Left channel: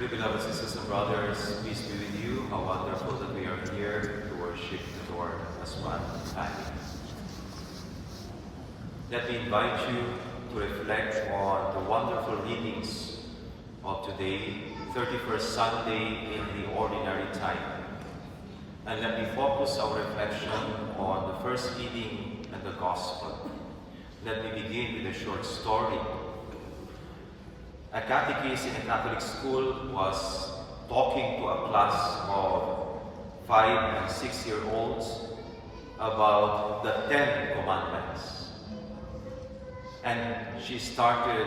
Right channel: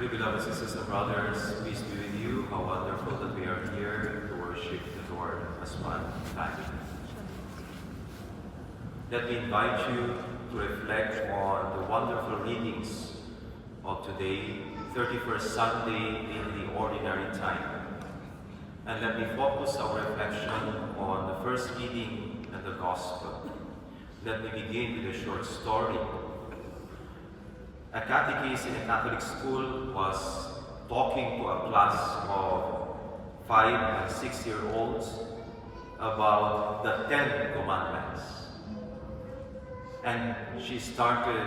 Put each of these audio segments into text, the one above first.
Dearly beloved sisters and brothers, peace be with you. How wonderful that we are here to worship the Lord as one family. Let me invite you to reflect on the wonderful readings of today, 31st Sunday in the Ordinary Time. And let me focus our reflection on the first reading and the Gospel. Let me begin with a short story. A catechist in a Catholic school was talking to a class of 5 and 6-year-olds about the 10 Commandments. And she started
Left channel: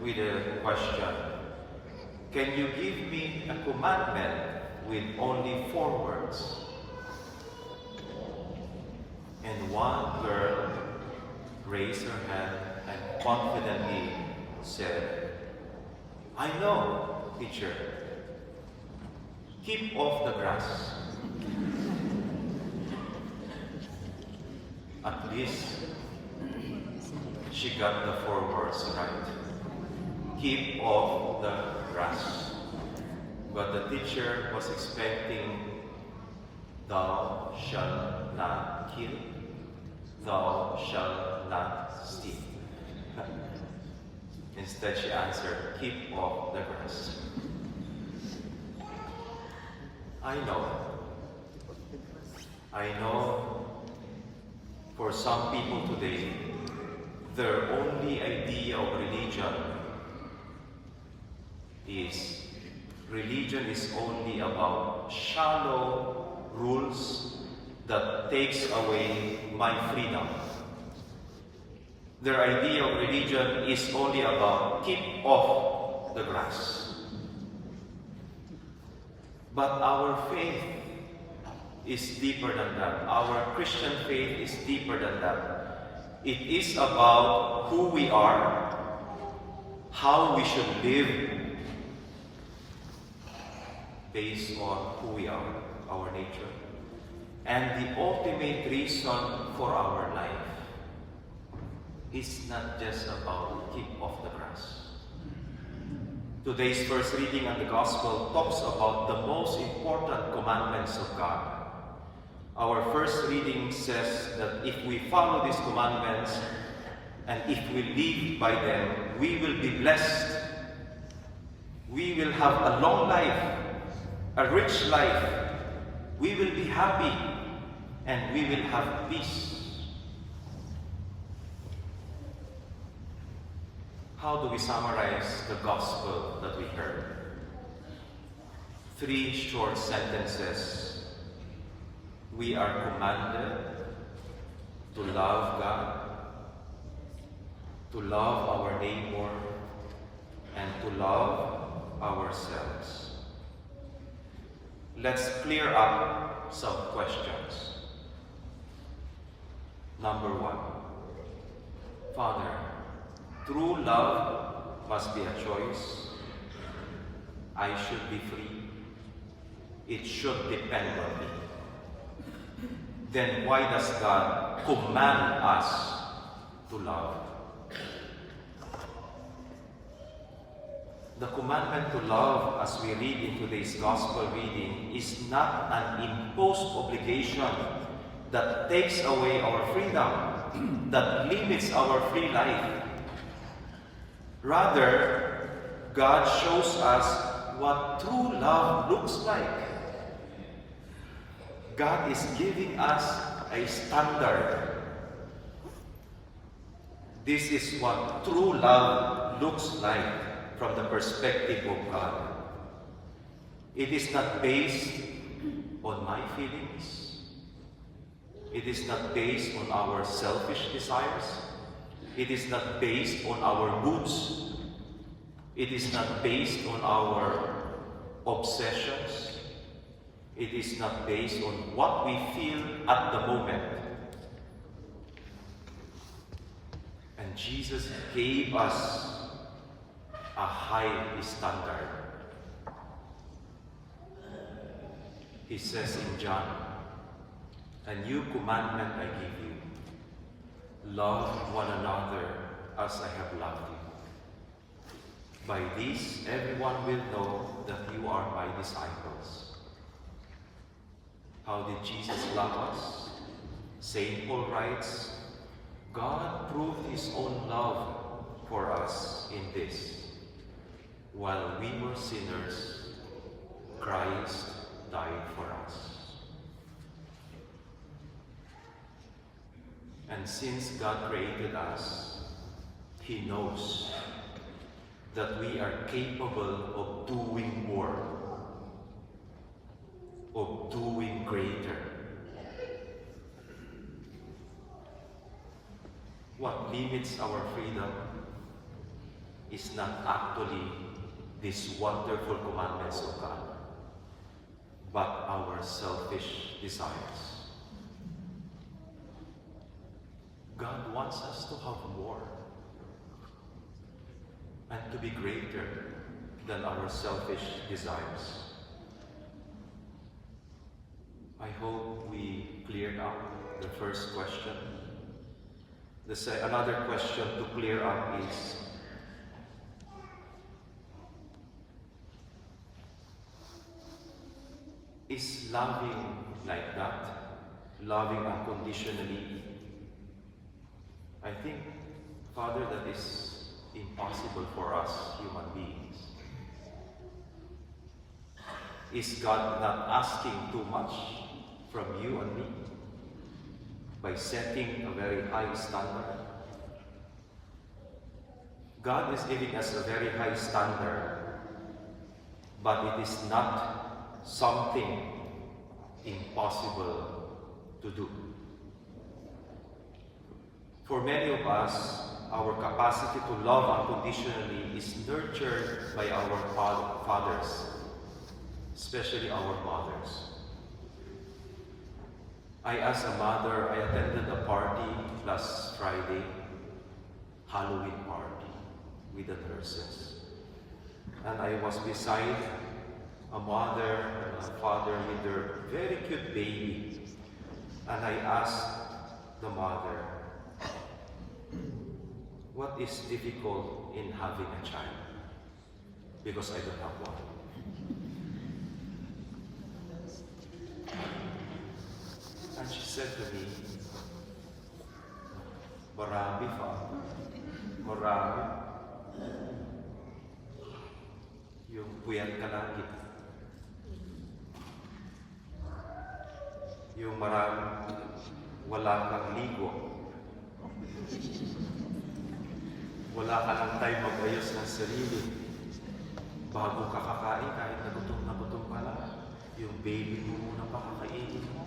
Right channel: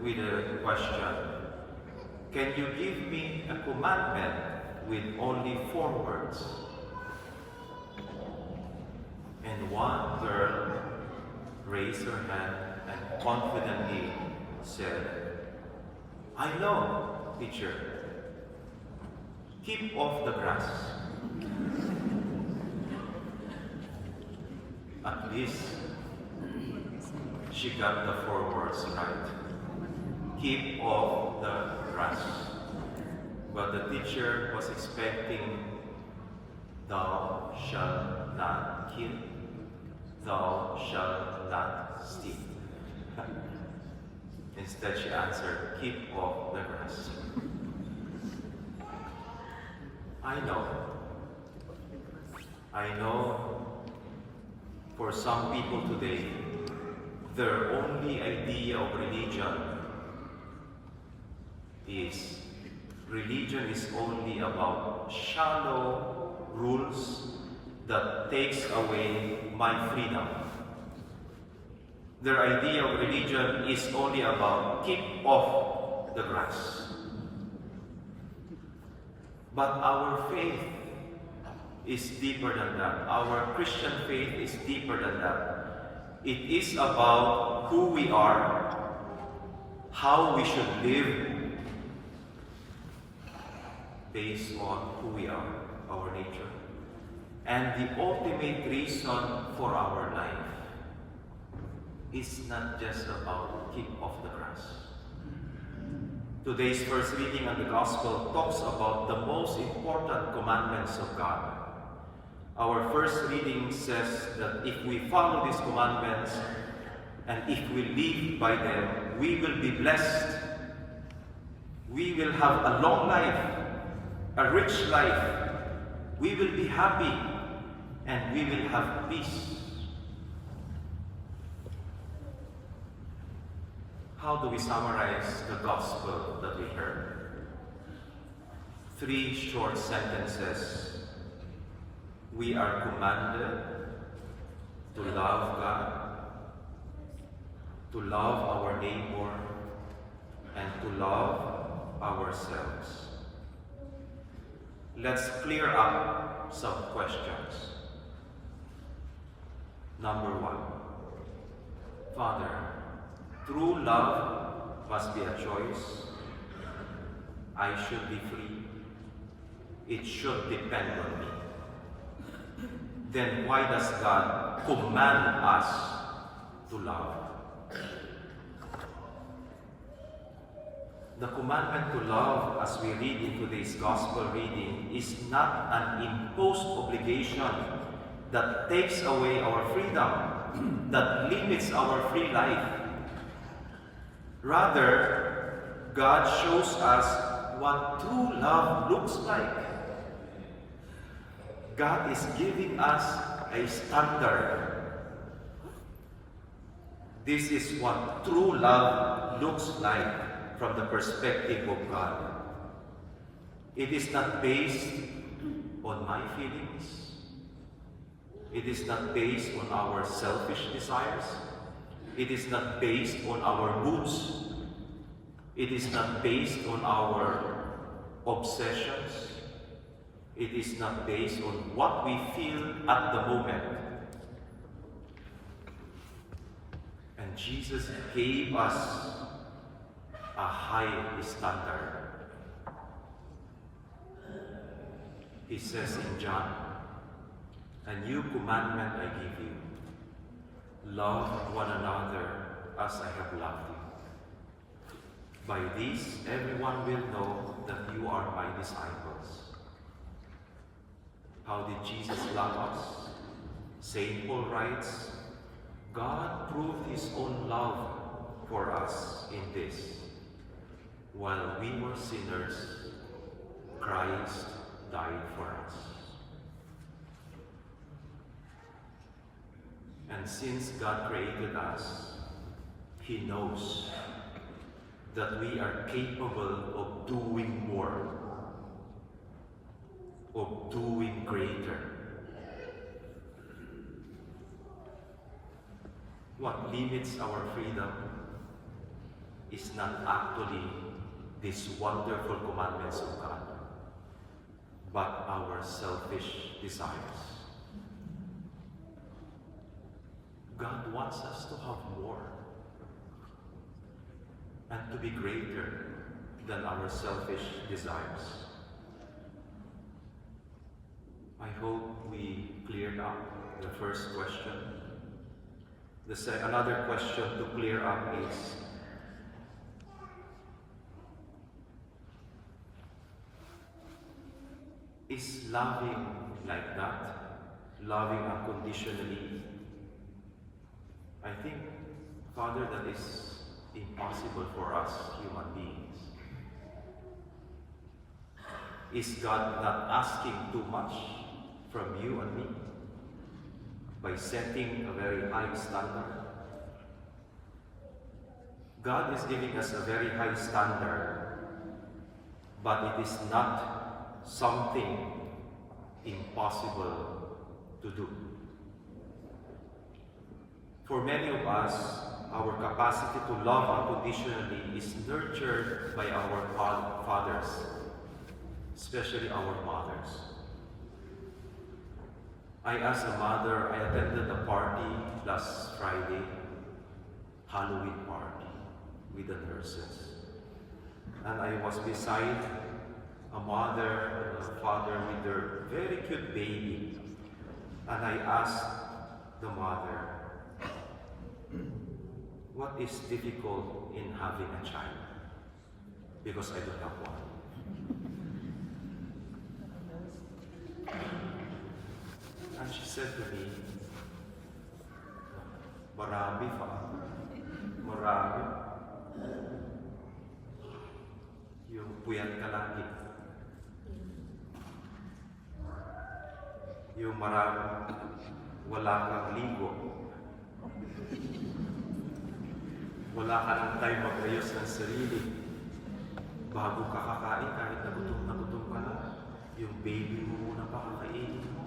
with a question. Can you give me a commandment with only 4 words? And one girl raised her hand and confidently said, I know, teacher. Keep off the grass. At least she got the 4 words right. Keep off the grass. But the teacher was expecting, thou shalt not kill, thou shalt not steal. Instead, she answered, keep off the grass. I know for some people today, their only idea of religion is only about shallow rules that takes away my freedom. Their idea of religion is only about keep off the grass. But our faith is deeper than that. Our Christian faith is deeper than that. It is about who we are, how we should live based on who we are, our nature, and the ultimate reason for our life. It's not just about keep off the grass. Today's first reading of the Gospel talks about the most important commandments of God. Our first reading says that if we follow these commandments and if we live by them, we will be blessed. We will have a long life, a rich life. We will be happy and we will have peace. How do we summarize the gospel that we heard? 3 short sentences. We are commanded to love God, to love our neighbor, and to love ourselves. Let's clear up some questions. Number 1. Father, true love must be a choice. I should be free. It should depend on me. Then why does God command us to love? The commandment to love, as we read in today's gospel reading, is not an imposed obligation that takes away our freedom, that limits our free life. Rather, God shows us what true love looks like. God is giving us a standard. This is what true love looks like from the perspective of God. It is not based on my feelings. It is not based on our selfish desires. It is not based on our moods. It is not based on our obsessions. It is not based on what we feel at the moment. And Jesus gave us a high standard. He says in John, a new commandment I give you, love one another as I have loved you. By this, everyone will know that How did Jesus love us? St. Paul writes, God proved his own love for us in this. While we were sinners, Christ died for us. And since God created us, he knows that we are capable of doing more, of doing greater. What limits our freedom is not actually these wonderful commandments of God, but our selfish desires. God wants us to have more and to be greater than our selfish desires. I hope we cleared up the first question. Another question to clear up is loving like that, loving unconditionally? I think, Father, that is impossible for us human beings. Is God not asking too much from you and me by setting a very high standard? God is giving us a very high standard, but it is not something impossible to do. For many of us, our capacity to love unconditionally is nurtured by our fathers, especially our mothers. As a mother, I attended a party last Friday, Halloween party with the nurses. And I was beside a mother and a father with their very cute baby. And I asked the mother, what is difficult in having a child? Because I don't have one. And she said to me, marami pa. Marami. Yung puyat ka lagi. Yung marami, wala kang ligo. Wala ka lang time mag-ayos ng sarili. Bago ka kakain, kahit nagutom ka naman, yung baby mo na pakakainin mo.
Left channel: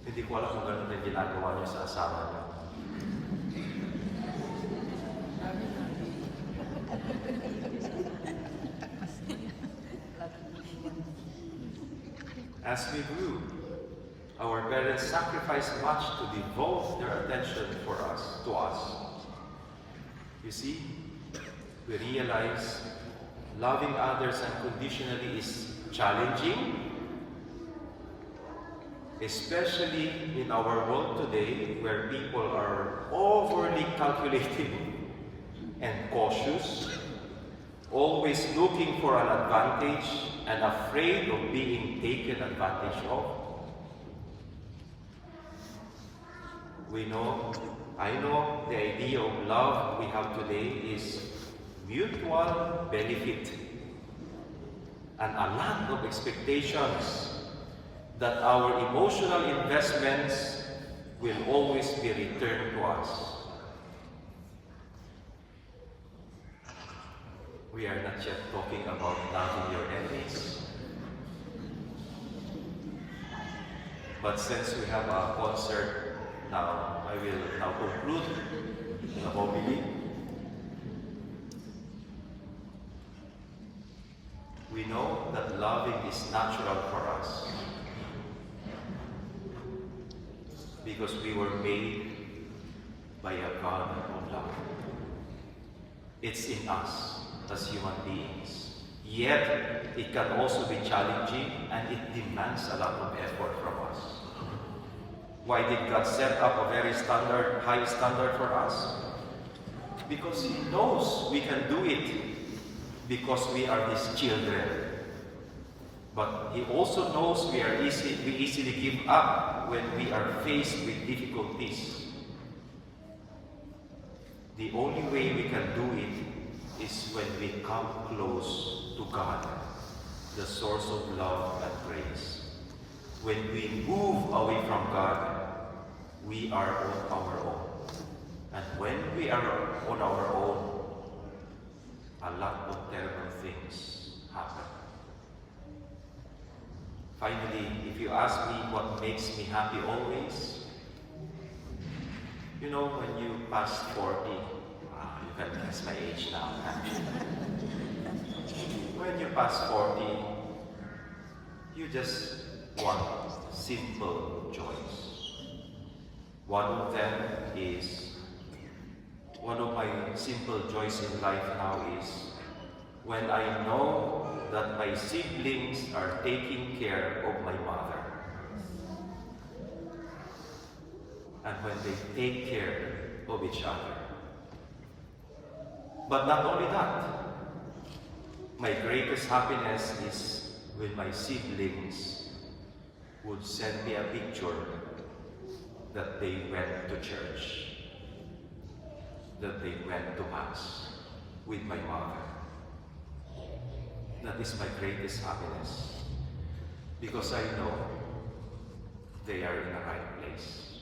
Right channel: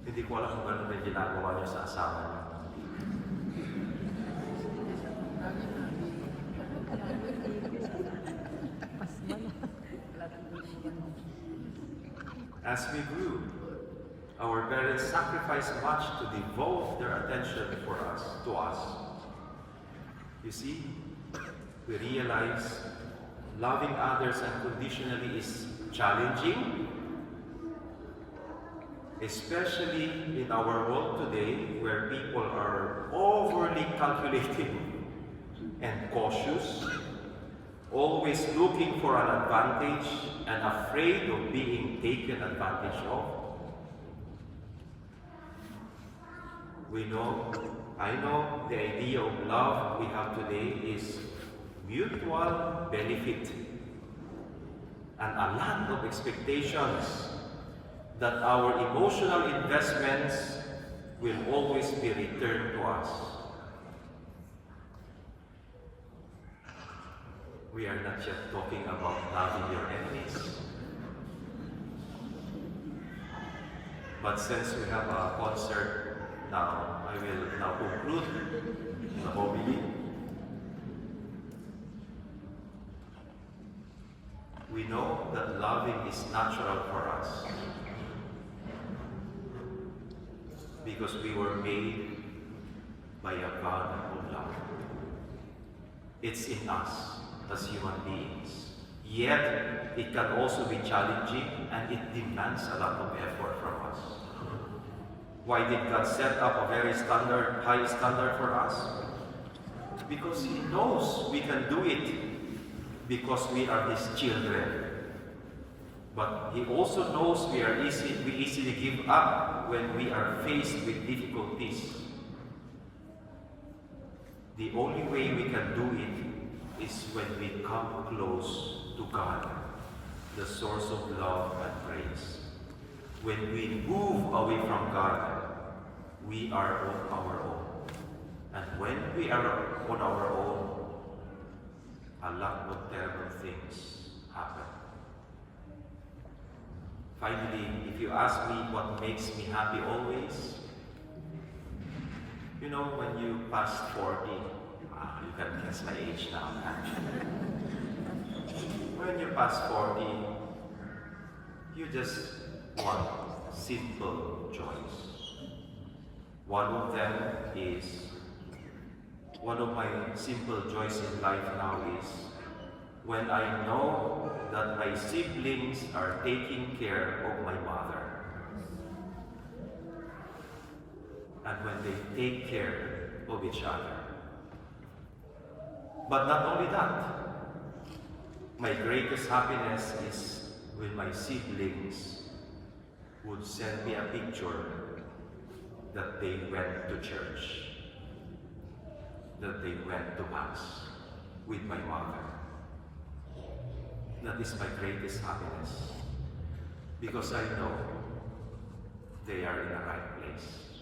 Hindi ko alam kung gano'n yung ginagawa niya sa asawa niya. As we grew, our parents sacrificed much to devote their attention to us. You see, we realize loving others unconditionally is challenging, especially in our world today where people are overly calculating and cautious, always looking for an advantage and afraid of being taken advantage of. I know the idea of love we have today is mutual benefit and a lot of expectations that our emotional investments will always be returned to us. We are not yet talking about loving your enemies. But since we have a concert now, I will now conclude the homily. We know that loving is natural for us because we were made by a God of love. It's in us as human beings. Yet, it can also be challenging and it demands a lot of effort from us. Why did God set up a very high standard for us? Because He knows we can do it because we are His children. But He also knows we easily give up when we are faced with difficulties. The only way we can do it is when we come close to God, the source of love and grace. When we move away from God, we are on our own. And when we are on our own, a lot of terrible things happen. Finally, if you ask me what makes me happy always, you know, when you pass 40, you can guess my age now. When you pass 40, you just want simple joys. One of my simple joys in life now is when I know that my siblings are taking care of my mother. And when they take care of each other. But not only that, my greatest happiness is when my siblings would send me a picture that they went to church, that they went to Mass with my mother. That is my greatest happiness, because I know they are in the right place.